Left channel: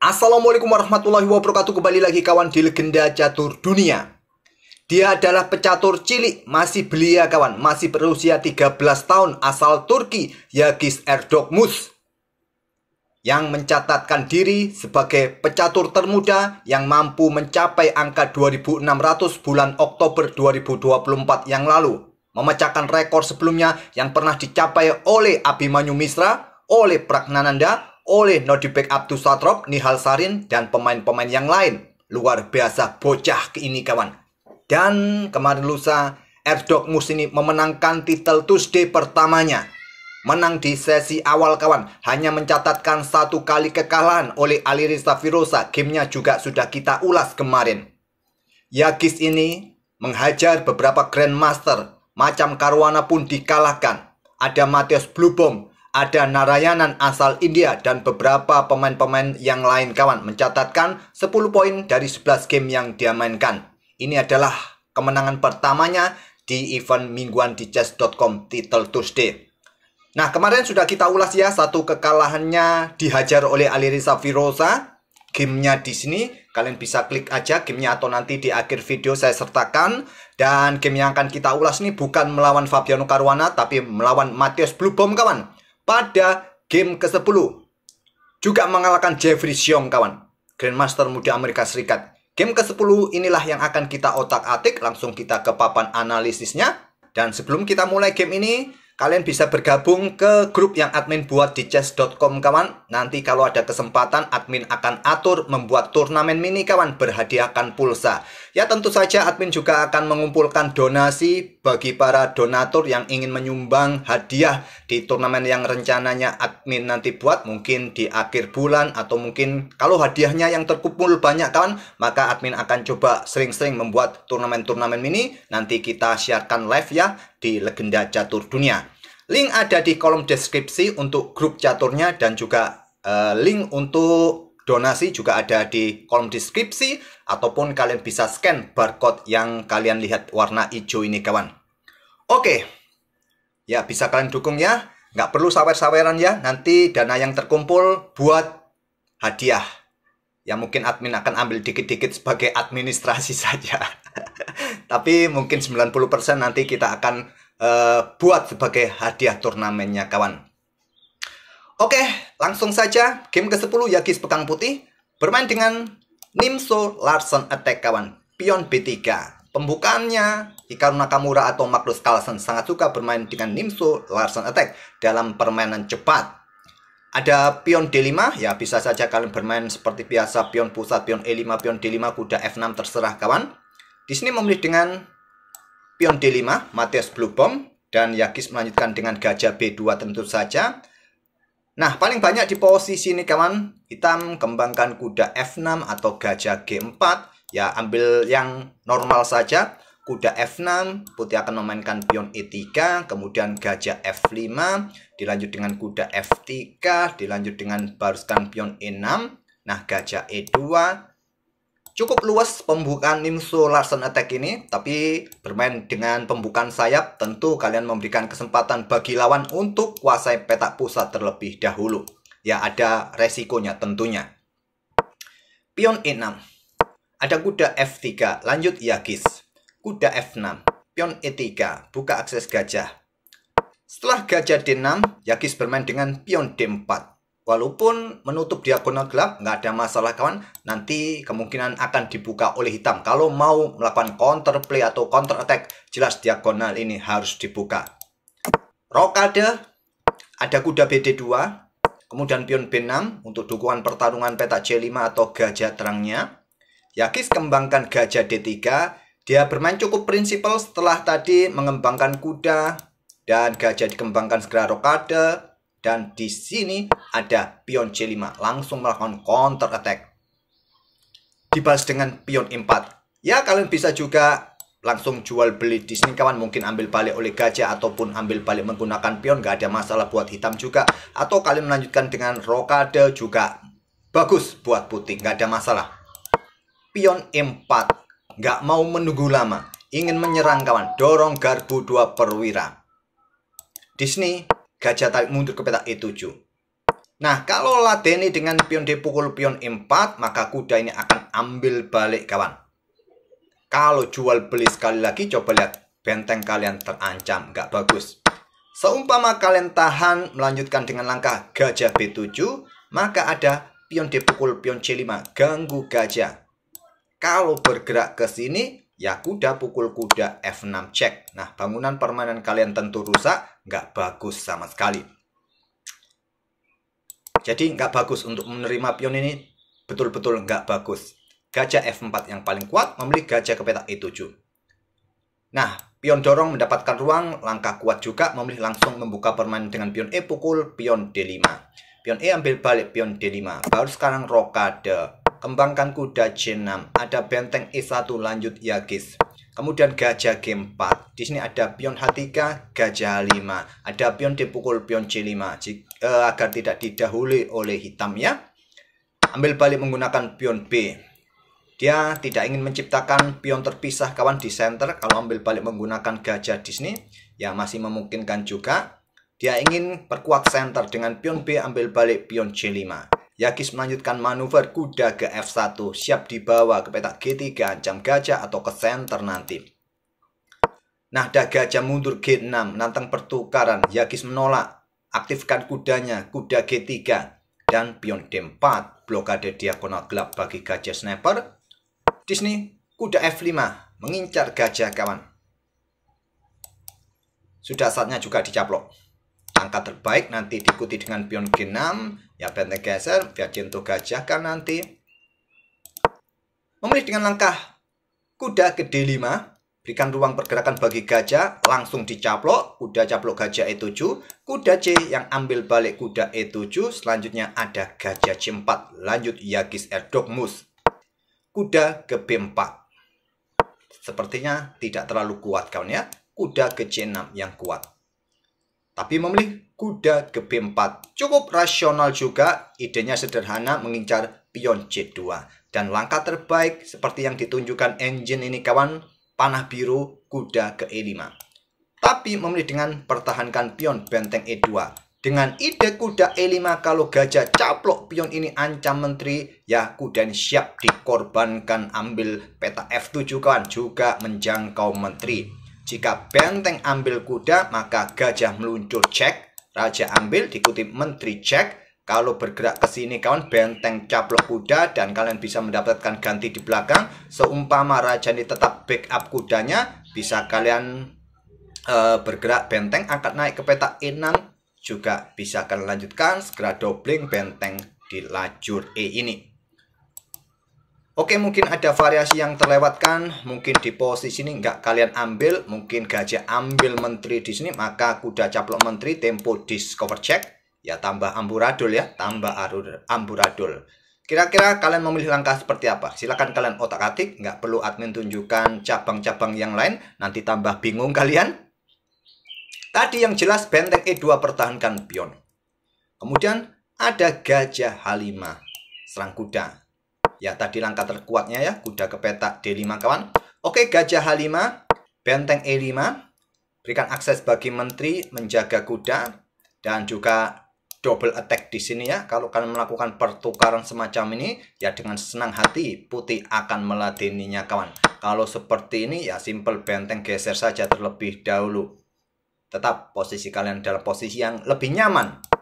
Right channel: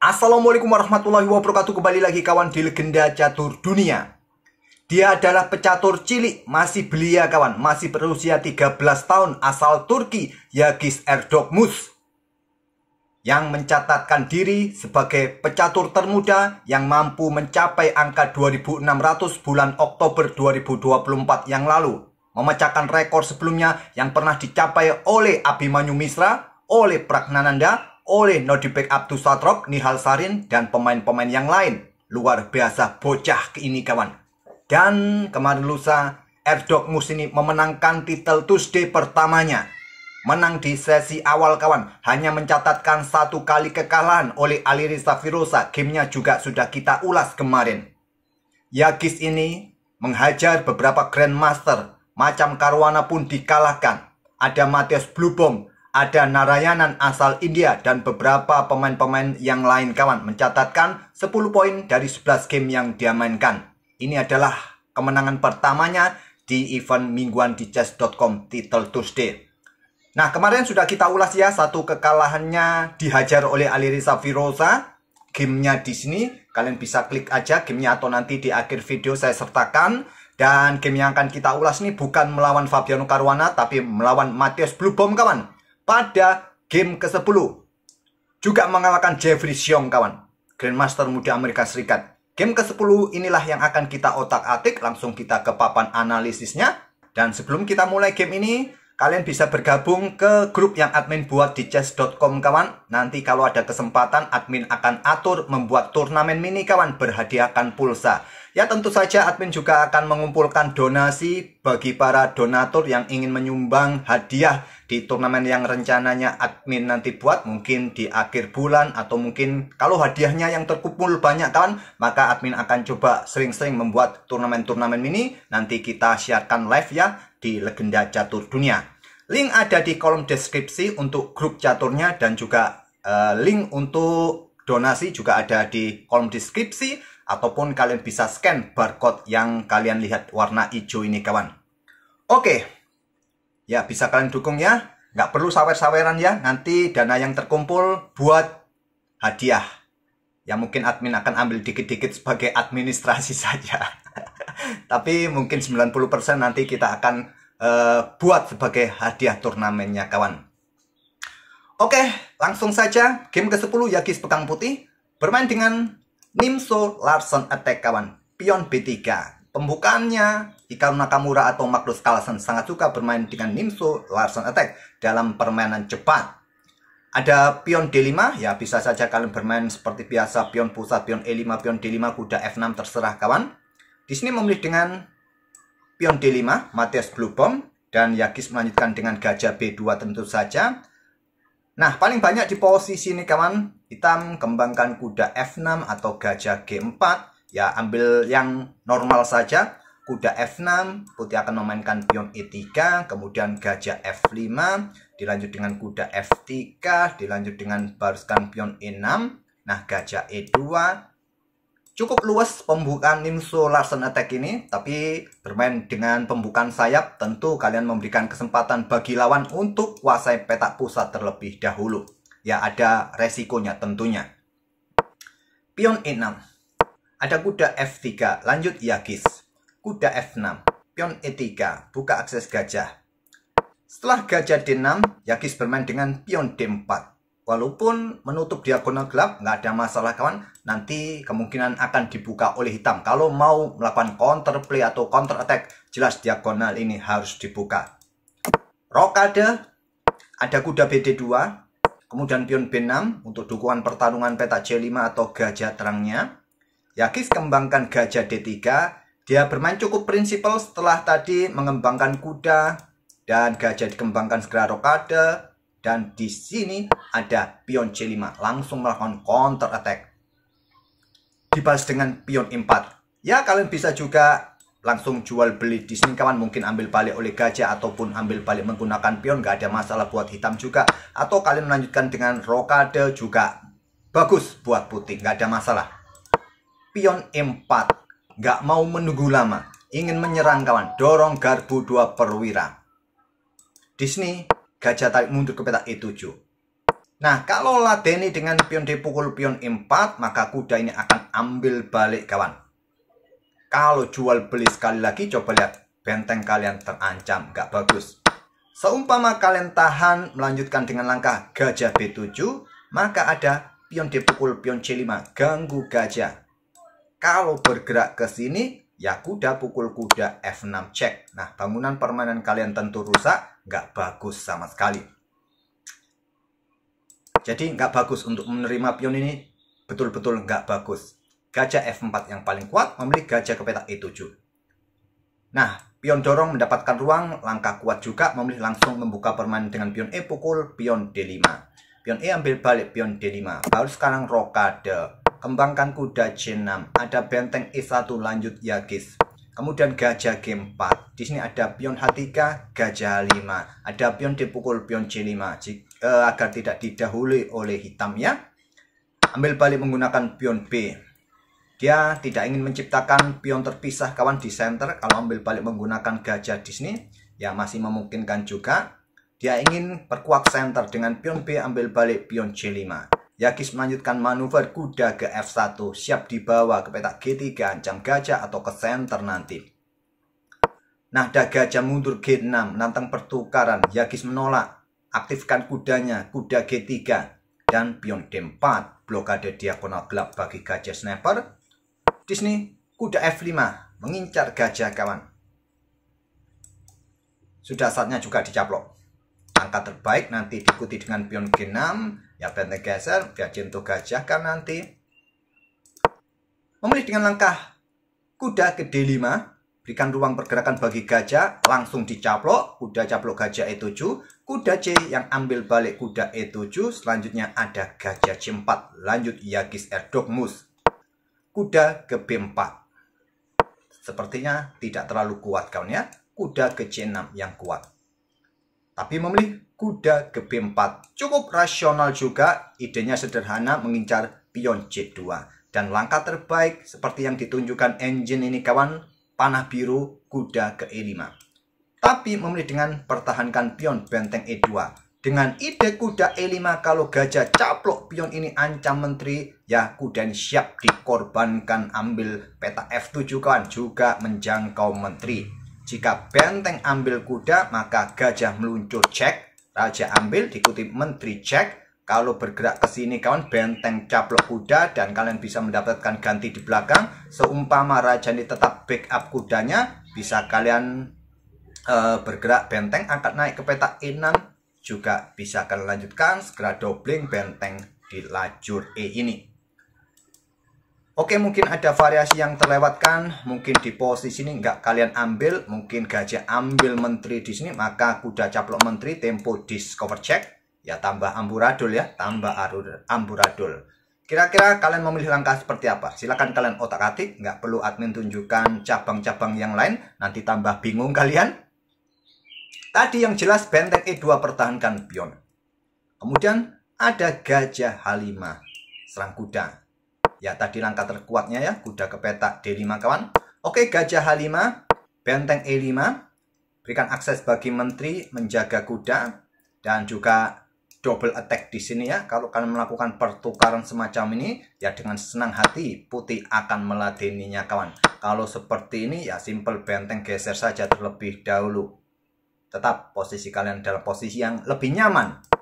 Assalamualaikum warahmatullahi wabarakatuh. Kembali lagi kawan di Legenda Catur Dunia. Dia adalah pecatur cilik, masih belia kawan, masih berusia 13 tahun, asal Turki, Yagis Erdogmus, yang mencatatkan diri sebagai pecatur termuda yang mampu mencapai angka 2600 bulan Oktober 2024 yang lalu, memecahkan rekor sebelumnya yang pernah dicapai oleh Abhimanyu Mishra, oleh Pragnananda, oleh Nodibek Abdusatrop, Nihal Sarin, dan pemain-pemain yang lain. Luar biasa bocah ini kawan. Dan kemarin lusa, Erdogmus ini memenangkan titel Tuesday pertamanya. Menang di sesi awal kawan, hanya mencatatkan satu kali kekalahan oleh Alireza Firoza. Gamenya juga sudah kita ulas kemarin. Yagis ini menghajar beberapa Grandmaster, macam Caruana pun dikalahkan. Ada Mathias Blubom, ada Narayanan asal India, dan beberapa pemain-pemain yang lain kawan, mencatatkan 10 poin dari 11 game yang dia mainkan. Ini adalah kemenangan pertamanya di event mingguan di chess.com Title Tuesday. Nah, kemarin sudah kita ulas ya, satu kekalahannya dihajar oleh Alireza Firoza. Gamenya di sini, kalian bisa klik aja gamenya atau nanti di akhir video saya sertakan. Dan game yang akan kita ulas ini bukan melawan Fabiano Caruana, tapi melawan Mathias Blubom kawan. Pada game ke-10 juga mengalahkan Jeffrey Xiong kawan, Grandmaster muda Amerika Serikat. Game ke-10 inilah yang akan kita otak-atik, langsung kita ke papan analisisnya. Dan sebelum kita mulai game ini, kalian bisa bergabung ke grup yang admin buat di chess.com kawan. Nanti kalau ada kesempatan, admin akan atur membuat turnamen mini kawan, berhadiahkan pulsa. Ya tentu saja admin juga akan mengumpulkan donasi bagi para donatur yang ingin menyumbang hadiah di turnamen yang rencananya admin nanti buat. Mungkin di akhir bulan atau mungkin kalau hadiahnya yang terkumpul banyak kawan, maka admin akan coba sering-sering membuat turnamen-turnamen mini. Nanti kita siarkan live ya di Legenda Catur Dunia. Link ada di kolom deskripsi untuk grup caturnya, dan juga link untuk donasi juga ada di kolom deskripsi, ataupun kalian bisa scan barcode yang kalian lihat warna hijau ini kawan. Oke, ya bisa kalian dukung ya, nggak perlu sawer-saweran ya, nanti dana yang terkumpul buat hadiah yang mungkin admin akan ambil dikit-dikit sebagai administrasi saja. Tapi mungkin 90% nanti kita akan buat sebagai hadiah turnamennya kawan. Oke, langsung saja game ke-10 Yagis Pedang Putih bermain dengan Nimzo Larsen Attack kawan, pion B3. Pembukaannya Hikaru Nakamura atau Magnus Carlsen sangat suka bermain dengan Nimzo Larsen Attack dalam permainan cepat. Ada pion D5, ya bisa saja kalian bermain seperti biasa, pion pusat, pion E5, pion D5, kuda F6, terserah kawan. Di sini memilih dengan pion D5, Mathias Blubom, dan Yagis melanjutkan dengan gajah B2 tentu saja. Nah, paling banyak di posisi ini kawan, hitam kembangkan kuda F6 atau gajah G4. Ya, ambil yang normal saja. Kuda F6, putih akan memainkan pion E3, kemudian gajah F5, dilanjut dengan kuda F3, dilanjut dengan baruskan pion E6. Nah, gajah E2. Cukup luas pembukaan Nimzo Larsen Attack ini, tapi bermain dengan pembukaan sayap, tentu kalian memberikan kesempatan bagi lawan untuk kuasai petak pusat terlebih dahulu. Ya, ada resikonya tentunya. Pion E6. Ada kuda F3, lanjut Yagis. Kuda F6, pion E3, buka akses gajah. Setelah gajah D6, Yagis bermain dengan pion D4. Walaupun menutup diagonal gelap, nggak ada masalah kawan. Nanti kemungkinan akan dibuka oleh hitam. Kalau mau melakukan counter play atau counter attack, jelas diagonal ini harus dibuka. Rokade, ada kuda BD2, kemudian pion B6 untuk dukungan pertarungan petak C5 atau gajah terangnya. Yagis kembangkan gajah D3. Dia bermain cukup prinsipal setelah tadi mengembangkan kuda dan gajah dikembangkan segera rokade. Dan di sini ada pion C5, langsung melakukan counter attack. Dibalas dengan pion E4. Ya, kalian bisa juga langsung jual beli di sini kawan, mungkin ambil balik oleh gajah ataupun ambil balik menggunakan pion, nggak ada masalah buat hitam juga. Atau kalian melanjutkan dengan rokade juga bagus buat putih, nggak ada masalah. Pion E4, nggak mau menunggu lama, ingin menyerang kawan, dorong garbu 2 perwira. Di sini gajah tarik mundur ke petak E7. Nah, kalau ladeni dengan pion D pukul pion E4, maka kuda ini akan ambil balik kawan. Kalau jual beli sekali lagi, coba lihat. Benteng kalian terancam, nggak bagus. Seumpama kalian tahan melanjutkan dengan langkah gajah B7, maka ada pion D pukul pion C5, ganggu gajah. Kalau bergerak ke sini, ya kuda pukul kuda F6 cek. Nah, bangunan permainan kalian tentu rusak, nggak bagus sama sekali. Jadi nggak bagus untuk menerima pion ini, betul-betul nggak bagus. Gajah F4 yang paling kuat memilih gajah ke petak E7. Nah, pion dorong mendapatkan ruang, langkah kuat juga memilih langsung membuka permainan dengan pion E pukul pion D5. Pion E ambil balik pion D5, baru sekarang rokade. Kembangkan kuda C6, ada benteng E1 lanjut Yagis. Kemudian gajah G4. Di sini ada pion H3, gajah H5. Ada pion D pukul pion C5 agar tidak didahului oleh hitam ya. Ambil balik menggunakan pion B. Dia tidak ingin menciptakan pion terpisah kawan di center. Kalau ambil balik menggunakan gajah di sini ya masih memungkinkan juga. Dia ingin perkuat center dengan pion B ambil balik pion C5. Yagis melanjutkan manuver kuda ke F1, siap dibawa ke petak G3, ancam gajah atau ke center nanti. Nah, ada gajah mundur G6, menantang pertukaran. Yagis menolak, aktifkan kudanya, kuda G3, dan pion D4, blokade diagonal gelap bagi gajah sniper. Di sini, kuda F5, mengincar gajah kawan. Sudah saatnya juga dicaplok. Angka terbaik nanti diikuti dengan pion G6, ya benteng geser, biar jentuh gajah kan nanti. Memilih dengan langkah kuda ke D5, berikan ruang pergerakan bagi gajah, langsung dicaplok, kuda caplok gajah E7, kuda C yang ambil balik kuda E7, selanjutnya ada gajah C4, lanjut Yagis Erdogmus, kuda ke B4. Sepertinya tidak terlalu kuat kawan ya, kuda ke C6 yang kuat. Tapi memilih kuda ke B4 cukup rasional juga, idenya sederhana mengincar pion C2. Dan langkah terbaik seperti yang ditunjukkan engine ini kawan, panah biru kuda ke E5. Tapi memilih dengan pertahankan pion benteng E2. Dengan ide kuda E5 kalau gajah caplok pion ini ancam menteri, ya kuda ini siap dikorbankan ambil petak F7 kawan, juga menjangkau menteri. Jika benteng ambil kuda, maka gajah meluncur cek, raja ambil diikuti menteri cek. Kalau bergerak ke sini kawan, benteng caplok kuda dan kalian bisa mendapatkan ganti di belakang. Seumpama raja ini tetap backup kudanya, bisa kalian bergerak benteng akan naik ke petak E6, juga bisa kalian lanjutkan segera doubling benteng di lajur E ini. Oke, mungkin ada variasi yang terlewatkan, mungkin di posisi ini nggak kalian ambil, mungkin gajah ambil menteri di sini, maka kuda caplok menteri, tempo discover check, ya tambah amburadul ya, tambah amburadul. Kira-kira kalian memilih langkah seperti apa? Silahkan kalian otak-atik, nggak perlu admin tunjukkan cabang-cabang yang lain, nanti tambah bingung kalian. Tadi yang jelas benteng E2 pertahankan pion. Kemudian ada gajah H5, serang kuda. Ya, tadi langkah terkuatnya ya, kuda ke petak D5 kawan. Oke, gajah H5, benteng E5. Berikan akses bagi menteri, menjaga kuda. Dan juga double attack di sini ya. Kalau kalian melakukan pertukaran semacam ini, ya dengan senang hati putih akan meladeninya kawan. Kalau seperti ini ya simple benteng geser saja terlebih dahulu. Tetap posisi kalian dalam posisi yang lebih nyaman.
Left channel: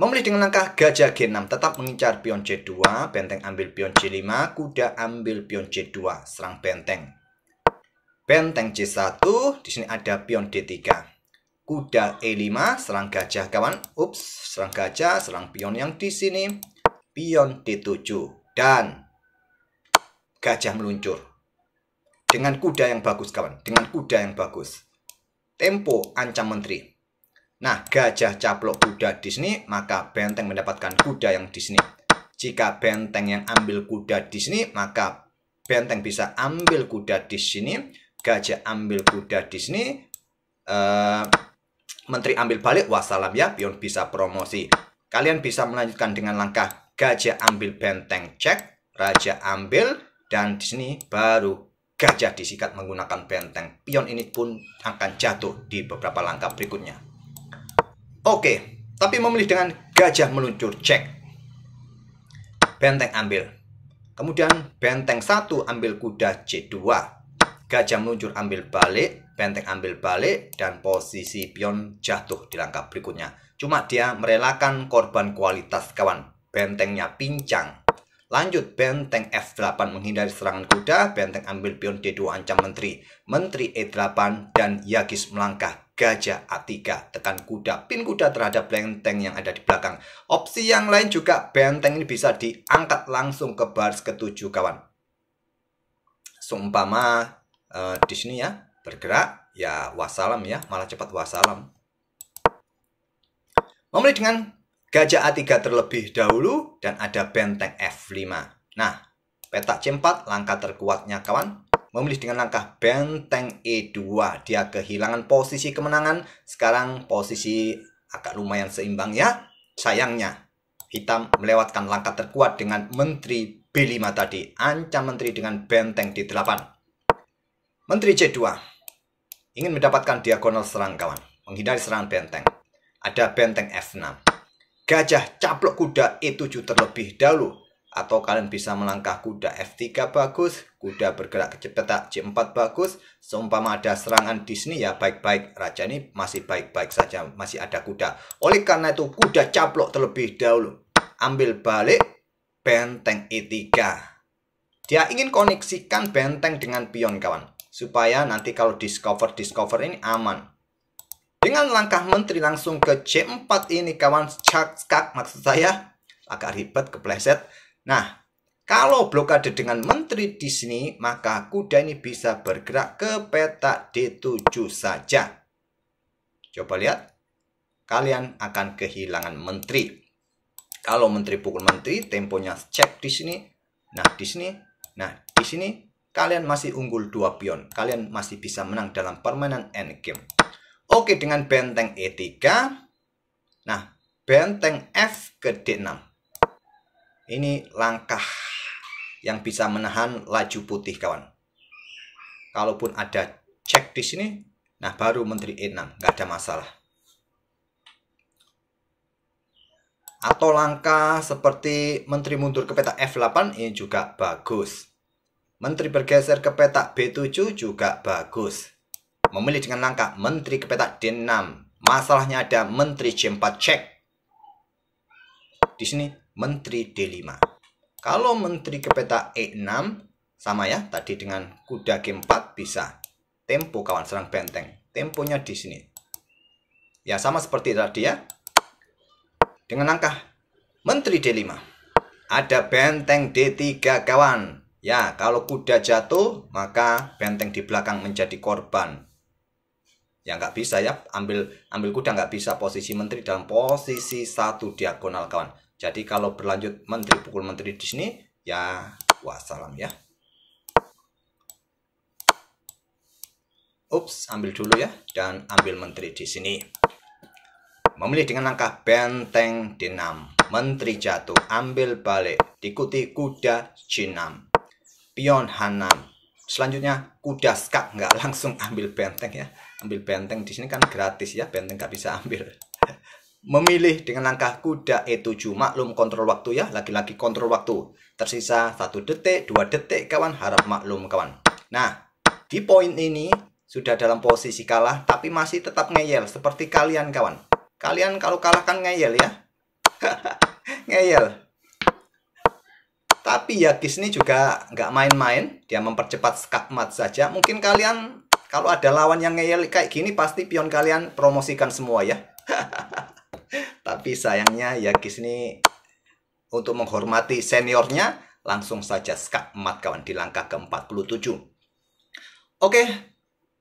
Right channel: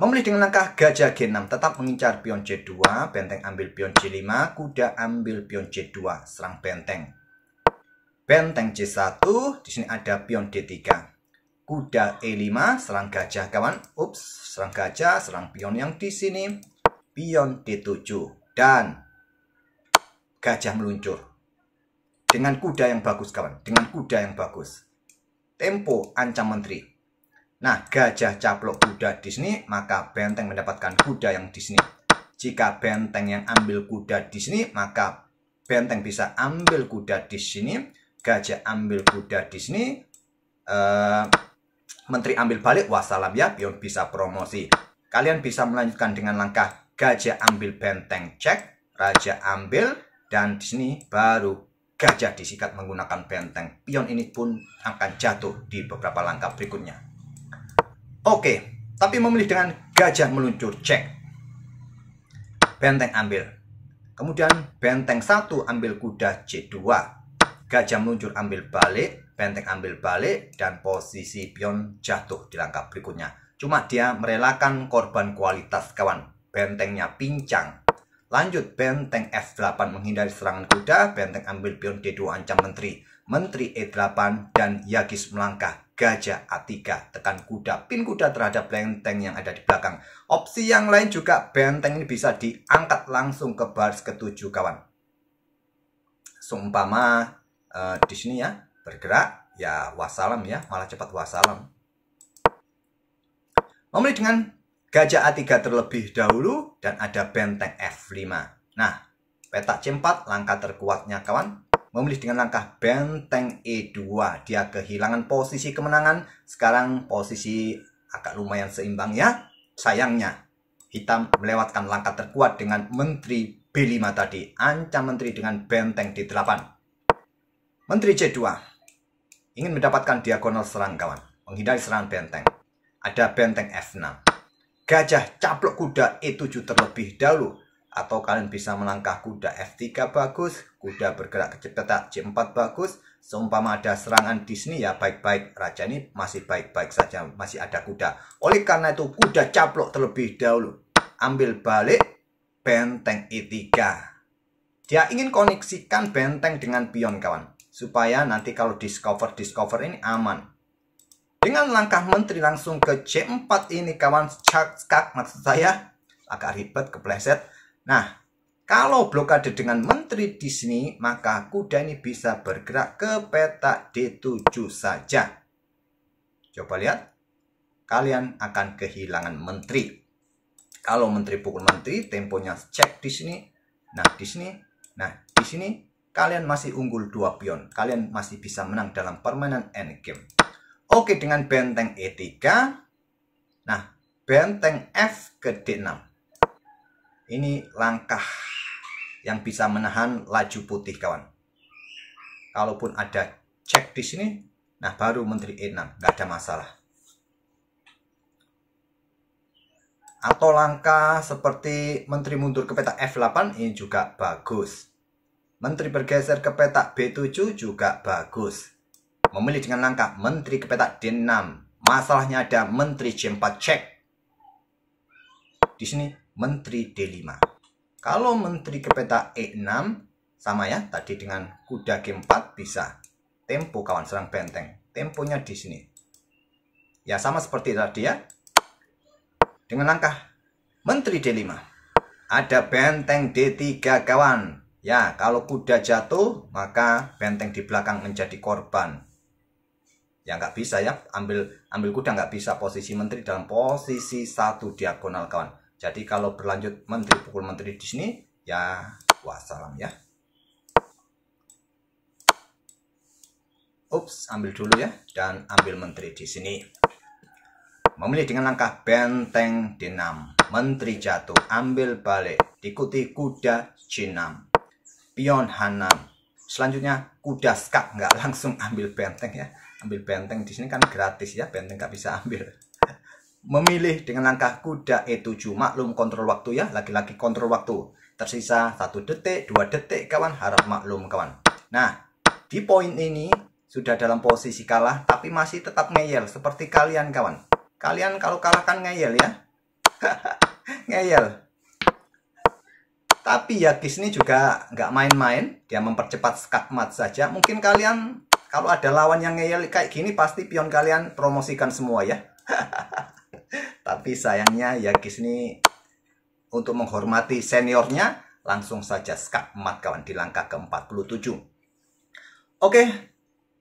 Memilih dengan langkah gajah G6, tetap mengincar pion C2, benteng ambil pion C5, kuda ambil pion C2, serang benteng. Benteng C1, di sini ada pion D3. Kuda E5, serang gajah kawan. Ups, serang gajah, serang pion yang di sini. Pion D7 dan gajah meluncur. Dengan kuda yang bagus kawan, dengan kuda yang bagus. Tempo ancam menteri. Nah, gajah caplok kuda di sini, maka benteng mendapatkan kuda yang di sini. Jika benteng yang ambil kuda di sini, maka benteng bisa ambil kuda di sini. Gajah ambil kuda di sini. Menteri ambil balik, wassalam ya, pion bisa promosi. Kalian bisa melanjutkan dengan langkah gajah ambil benteng cek, raja ambil, dan di sini baru gajah disikat menggunakan benteng. Pion ini pun akan jatuh di beberapa langkah berikutnya. Oke, tapi memilih dengan gajah meluncur cek. Benteng ambil. Kemudian benteng 1 ambil kuda C2. Gajah meluncur ambil balik, benteng ambil balik, dan posisi pion jatuh di langkah berikutnya. Cuma dia merelakan korban kualitas kawan. Bentengnya pincang. Lanjut benteng F8 menghindari serangan kuda, benteng ambil pion D2 ancam menteri. Menteri E8 dan Yagis melangkah. Gajah A3, tekan kuda, pin kuda terhadap benteng yang ada di belakang. Opsi yang lain juga benteng ini bisa diangkat langsung ke baris ke-7 kawan. Seumpama di sini ya bergerak, ya wassalam ya, malah cepat wassalam. Memilih dengan gajah A3 terlebih dahulu dan ada benteng F5. Nah, petak C4 langkah terkuatnya kawan. Memilih dengan langkah benteng E2. Dia kehilangan posisi kemenangan. Sekarang posisi agak lumayan seimbang ya. Sayangnya, hitam melewatkan langkah terkuat dengan menteri B5 tadi. Ancam menteri dengan benteng D8. Menteri C2. Ingin mendapatkan diagonal serang kawan. Menghindari serangan benteng. Ada benteng F6. Gajah caplok kuda E7 terlebih dahulu. Atau kalian bisa melangkah kuda F3 bagus, kuda bergerak ke petak C4 bagus. Seumpama ada serangan di sini ya baik-baik, raja ini masih baik-baik saja, masih ada kuda. Oleh karena itu kuda caplok terlebih dahulu. Ambil balik benteng E3. Dia ingin koneksikan benteng dengan pion kawan, supaya nanti kalau discover ini aman. Dengan langkah menteri langsung ke C4 ini kawan, skak maksud saya, agak ribet kepleset. Nah, kalau blokade dengan menteri di sini, maka kuda ini bisa bergerak ke petak D7 saja. Coba lihat, kalian akan kehilangan menteri. Kalau menteri pukul menteri, temponya cek di sini. Nah, di sini. Nah, di sini kalian masih unggul 2 pion. Kalian masih bisa menang dalam permainan endgame. Oke, dengan benteng E3. Nah, benteng F ke D6. Ini langkah yang bisa menahan laju putih kawan. Kalaupun ada cek di sini, nah baru menteri E6, nggak ada masalah. Atau langkah seperti menteri mundur ke petak F8 ini juga bagus. Menteri bergeser ke petak B7 juga bagus. Memilih dengan langkah menteri ke petak D6. Masalahnya ada menteri C4 cek. Di sini menteri D5. Kalau menteri ke petak E6 sama ya, tadi dengan kuda G4 bisa tempo kawan serang benteng. Temponya di sini. Ya sama seperti tadi ya. Dengan langkah menteri D5. Ada benteng D3 kawan. Ya, kalau kuda jatuh maka benteng di belakang menjadi korban. Ya nggak bisa ya, ambil kuda nggak bisa, posisi menteri dalam posisi 1 diagonal kawan. Jadi kalau berlanjut menteri pukul menteri di sini, ya wassalam ya. Ups, ambil dulu ya, dan ambil menteri di sini. Memilih dengan langkah benteng D6. Menteri jatuh, ambil balik, diikuti kuda C6. Pion H6. Selanjutnya kuda skak, nggak langsung ambil benteng ya. Ambil benteng di sini kan gratis ya, benteng nggak bisa ambil. Memilih dengan langkah kuda E7. Maklum kontrol waktu ya, lagi-lagi kontrol waktu. Tersisa 1 detik, 2 detik kawan, harap maklum kawan. Nah, di poin ini sudah dalam posisi kalah, tapi masih tetap ngeyel seperti kalian kawan. Kalian kalau kalah kan ngeyel ya. Ngeyel. Tapi Yagis ini juga nggak main-main, dia mempercepat skakmat saja. Mungkin kalian kalau ada lawan yang ngeyel kayak gini, pasti pion kalian promosikan semua ya. Tapi sayangnya Yagis ini untuk menghormati seniornya langsung saja skakmat kawan di langkah ke-47. Oke,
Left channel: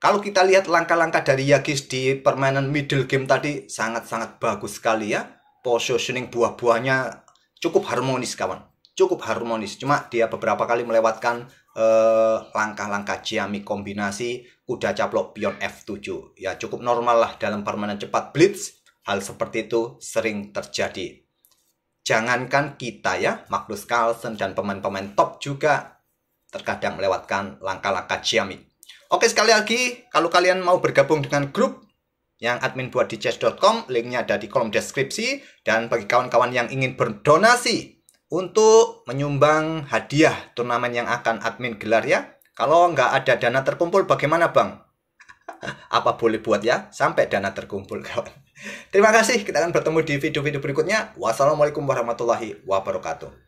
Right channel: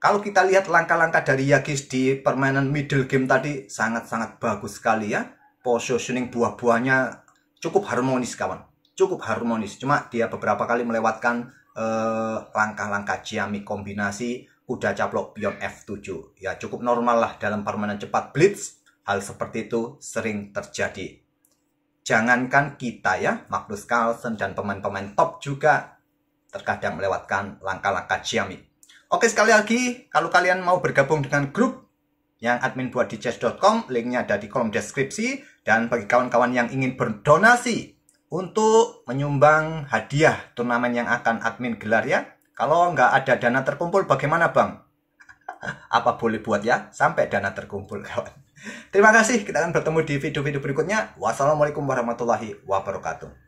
kalau kita lihat langkah-langkah dari Yagis di permainan middle game tadi sangat-sangat bagus sekali ya. Positioning buah-buahnya cukup harmonis kawan. Cukup harmonis. Cuma dia beberapa kali melewatkan langkah-langkah Jiami kombinasi kuda caplok pion F7. Ya cukup normal lah dalam permainan cepat blitz. Hal seperti itu sering terjadi. Jangankan kita ya, Magnus Carlsen dan pemain-pemain top juga terkadang melewatkan langkah-langkah Jiami. Oke, sekali lagi, kalau kalian mau bergabung dengan grup yang admin buat di chess.com, linknya ada di kolom deskripsi. Dan bagi kawan-kawan yang ingin berdonasi untuk menyumbang hadiah turnamen yang akan admin gelar ya. Kalau nggak ada dana terkumpul bagaimana Bang? Apa boleh buat ya sampai dana terkumpul kawan. Terima kasih, kita akan bertemu di video-video berikutnya. Wassalamualaikum warahmatullahi wabarakatuh.